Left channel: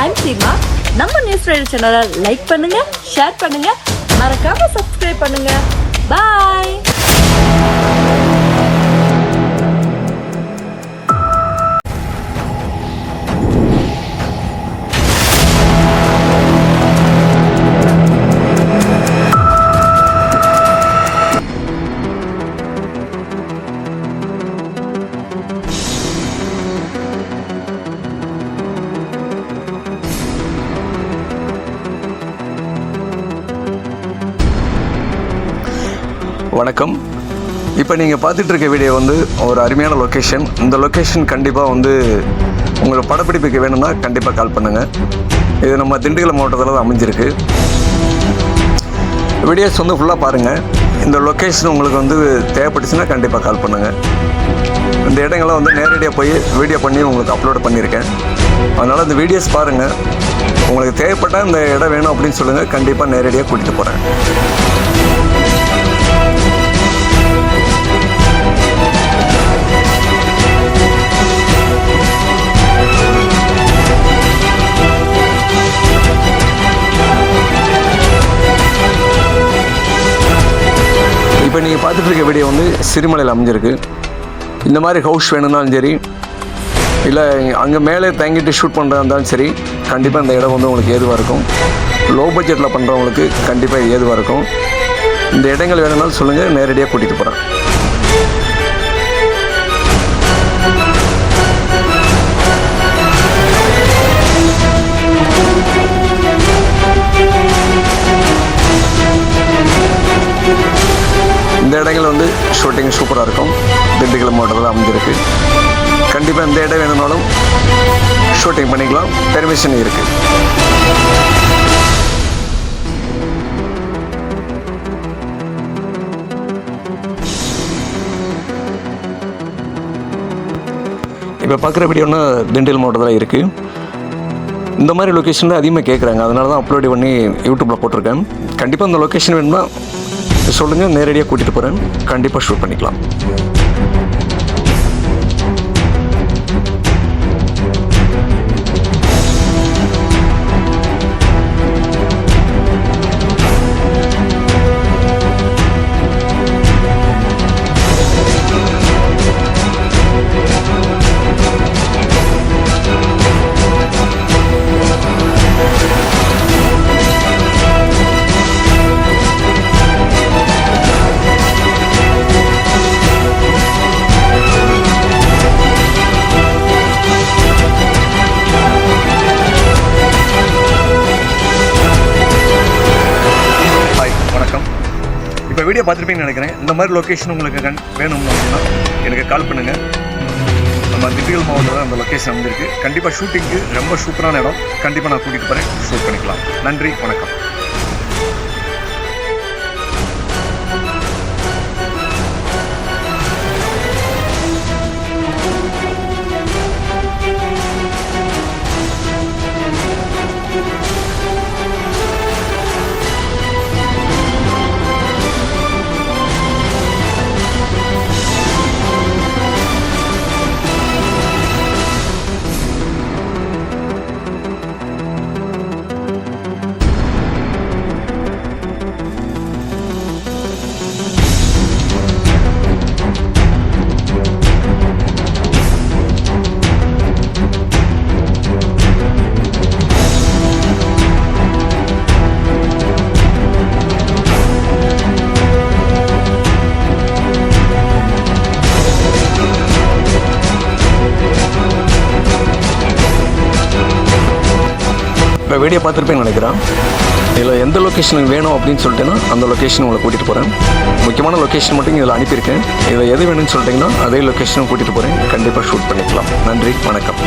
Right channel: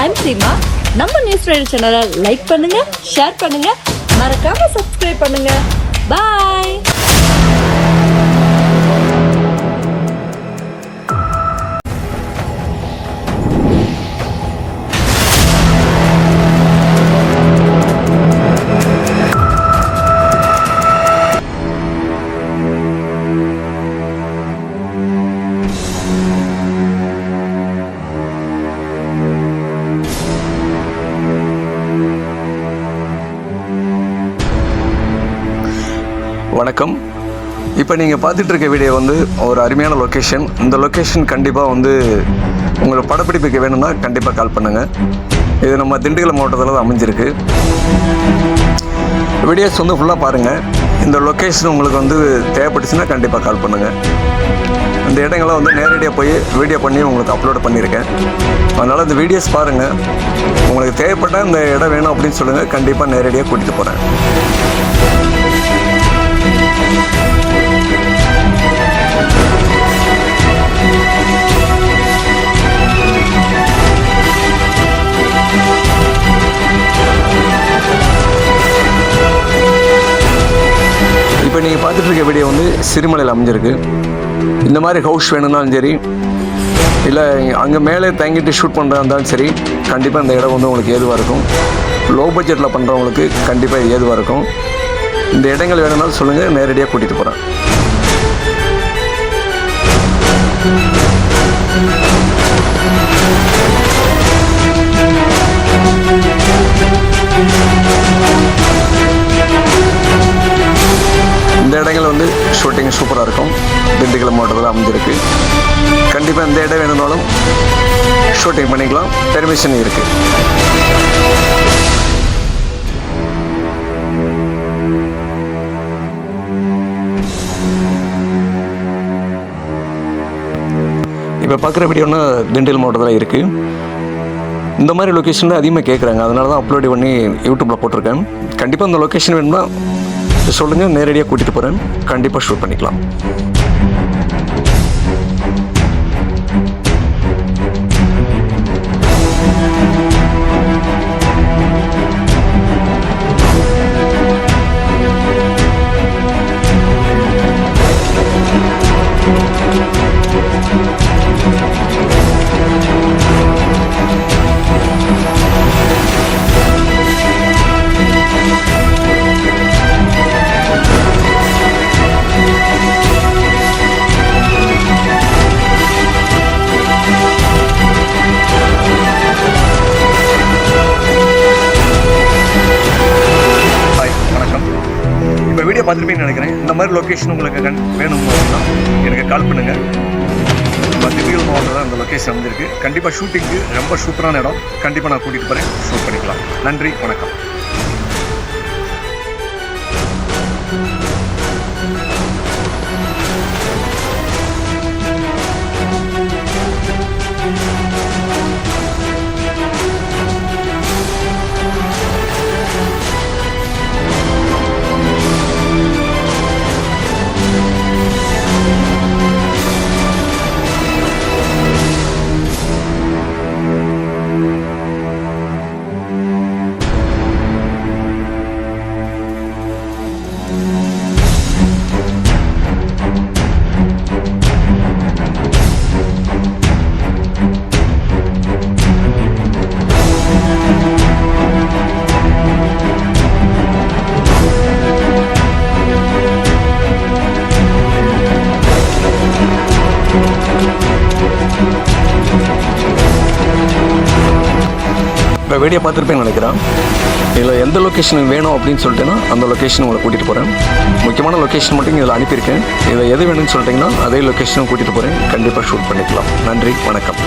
I'm Seema. நம்ம news rider சேனலை like பண்ணுங்க, ஷேர் பண்ணுங்க, மறக்காம சப்ஸ்கிரைப் பண்ணுங்க. பாய். வணக்கம். இப்போ நீங்கள் பார்த்துட்டு இருக்க வீடியோ வந்து ஒரு அருமையான லொக்கேஷன். இந்த லொக்கேஷன் கண்டிப்பாக வந்து உங்களுக்கு படப்பிடிப்புக்கு வேணும்னா கண்டிப்பாக கால் பண்ணுங்கள். இது நம்ம திண்டுக்கல் மாவட்டத்தில் தான் அமைஞ்சிருக்கு. வீடியோஸ் வந்து ஃபுல்லாக பாருங்கள். இந்த லொக்கேஷன் உங்களுக்கு வந்து தேவைப்பட்டுச்சுன்னா கண்டிப்பாக கால் பண்ணுங்கள். இந்த இடங்களை வந்து நேரடியாக போய் வீடியோ பண்ணி உங்களுக்கு அப்லோட் பண்ணியிருக்கேன். அதனால் இந்த வீடியோஸ் பாருங்கள். உங்களுக்கு தேவைப்பட்டால் இந்த இடம் வேணும் அப்படின்னு சொல்லுங்கள். கண்டிப்பாக நேரடியாக கூட்டிகிட்டு போகிறேன். இப்போ நீங்கள் பார்த்துட்டு இருக்க வீடியோ வந்து சிறுமலையில் அமைஞ்சிருக்கு. இந்த மாதிரி ஹவுஸ் வேணும்னாலும் சரி, இல்லை அங்கே மேலே தங்கிட்டு ஷூட் பண்ணுறதா இருந்தாலும் சரி, கண்டிப்பாக இந்த இடம் வந்து உங்களுக்கு ஏதுவாக இருக்கும். லோ பட்ஜெட்டில் பண்ணுறவங்களுக்கு கண்டிப்பாக இது ஏதுவாக இருக்கும். இந்த இடங்கள் வேணும்னாலும் சொல்லுங்கள், நேரடியாக கூட்டிகிட்டு போகிறேன். இந்த இடங்கள் வந்து ஷூட்டிங் சூப்பராக இருக்கும். திண்டுக்கல் மாவட்டத்தில் அமைஞ்சிருக்கு. கண்டிப்பாக இந்த இடம் வேணும்னாலும் ஷூட்டிங் பண்ணிக்கலாம். பெர்மிஷன் இருக்குது. இப்போ பார்க்குற வீடியோன்னா திண்டுக்கல் மாவட்டத்தில் இருக்குது. இந்த மாதிரி லொக்கேஷனில் அதிகமாக கேட்குறாங்க. அதனால தான் அப்லோட் பண்ணி யூடியூப்பில் போட்டிருக்கேன். கண்டிப்பாக இந்த லொக்கேஷன் வேணும்னா சொல்லுங்கள், நேரடியாக கூட்டிகிட்டு போகிறேன். கண்டிப்பாக ஷூட் பண்ணிக்கலாம். வணக்கம். இப்போ வீடியோ பார்த்துருப்பீங்கன்னு நினைக்கிறேன். இந்த மாதிரி லொக்கேஷன் உங்களுக்கு வேணும் அப்படின்னா எனக்கு கால் பண்ணுங்கள். நம்ம திண்டுக்கல் மாவட்டத்தில் அந்த லொக்கேஷன் அமைஞ்சிருக்கு. கண்டிப்பாக ஷூட்டிங்க்கு ரொம்ப சூப்பரான இடம். கண்டிப்பாக நான் கூட்டிகிட்டு போகிறேன். ஷூட் பண்ணிக்கலாம். நன்றி, வணக்கம். இப்போ வீடியோ பார்த்துருப்பேன்னு நினைக்கிறேன். இதில் எந்த லொக்கேஷனுக்கு வேணும் அப்படின்னு சொல்லிட்டேன்னா அந்த லொக்கேஷன் உங்களை கூட்டிகிட்டு போகிறேன். முக்கியமான லொக்கேஷன் மட்டும் இதில் அனுப்பியிருக்கேன். இதில் எது வேணும்னு சொல்லிட்டிங்கன்னா அதே லொக்கேஷனும் கூட்டிகிட்டு போகிறேன். கண்டிப்பாக ஷூட் பண்ணிக்கலாம். நன்றி, வணக்கம்.